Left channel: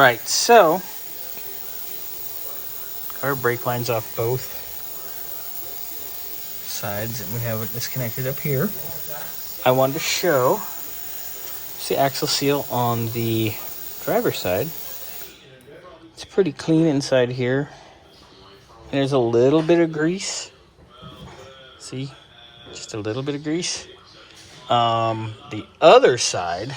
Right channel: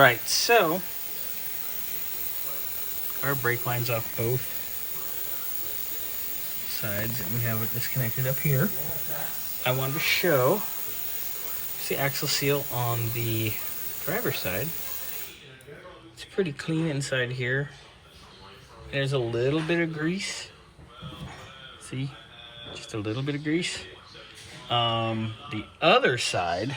Right, so our brake line's off both sides, and we have it disconnected up here. I wanted to show the axle seal on the driver's side. It's pretty clean inside here. There's a little bit of grease. See? Just a little bit of grease. The other side,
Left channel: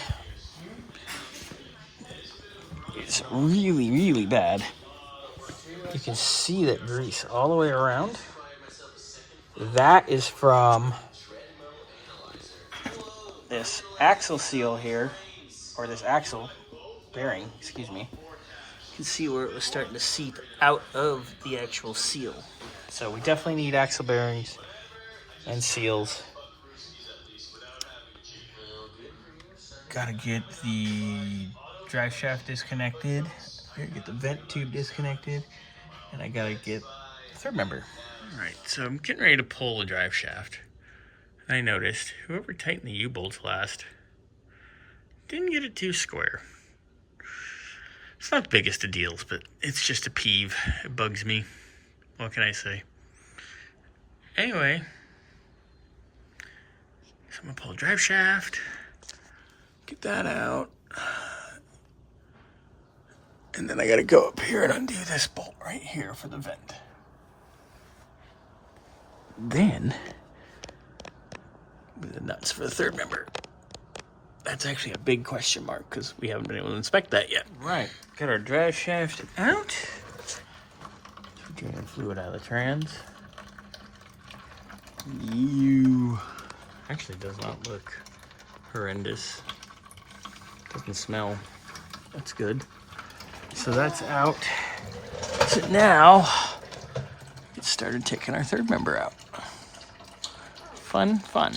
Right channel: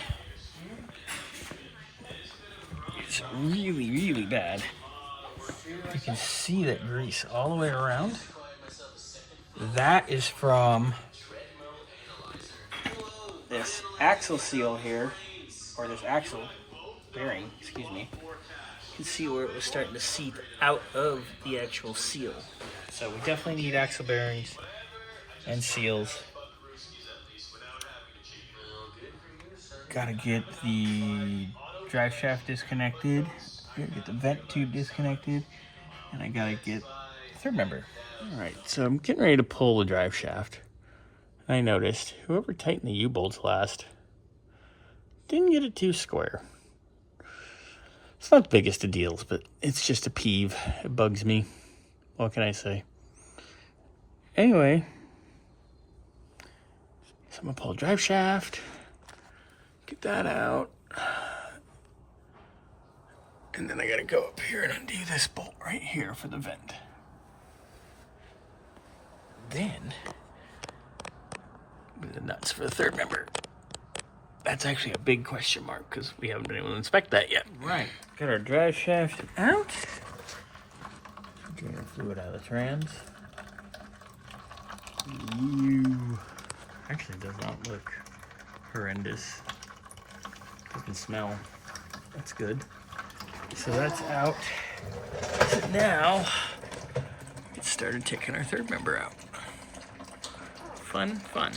it's really, really bad. You can see that grease all the way around. That is from this axle seal here, or this axle bearing, excuse me. You can see where it was starting to seep out of the actual seal. So we definitely need axle bearings and seals. Gotta get the drive shaft disconnected. Gotta get the vent tube disconnected. And I gotta get the third member. All right, so I'm getting ready to pull the drive shaft. I noticed whoever tightened the U-bolts last didn't get it too square. It's not the biggest of deals, but it's just a peeve. It bugs me. What can I say? Anyway, so I'm gonna pull the drive shaft, get that out, and then I gotta go up here and undo this bolt right here for the vent. Then, the nuts for the third member. That's actually a big question mark because we haven't been able to inspect that yet. Right, got our drive shaft out. Drain fluid out of the trans. Actually does not look horrendous. Doesn't smell. That's good. So that's out. So now, get started taking our third member out. Fun, fun.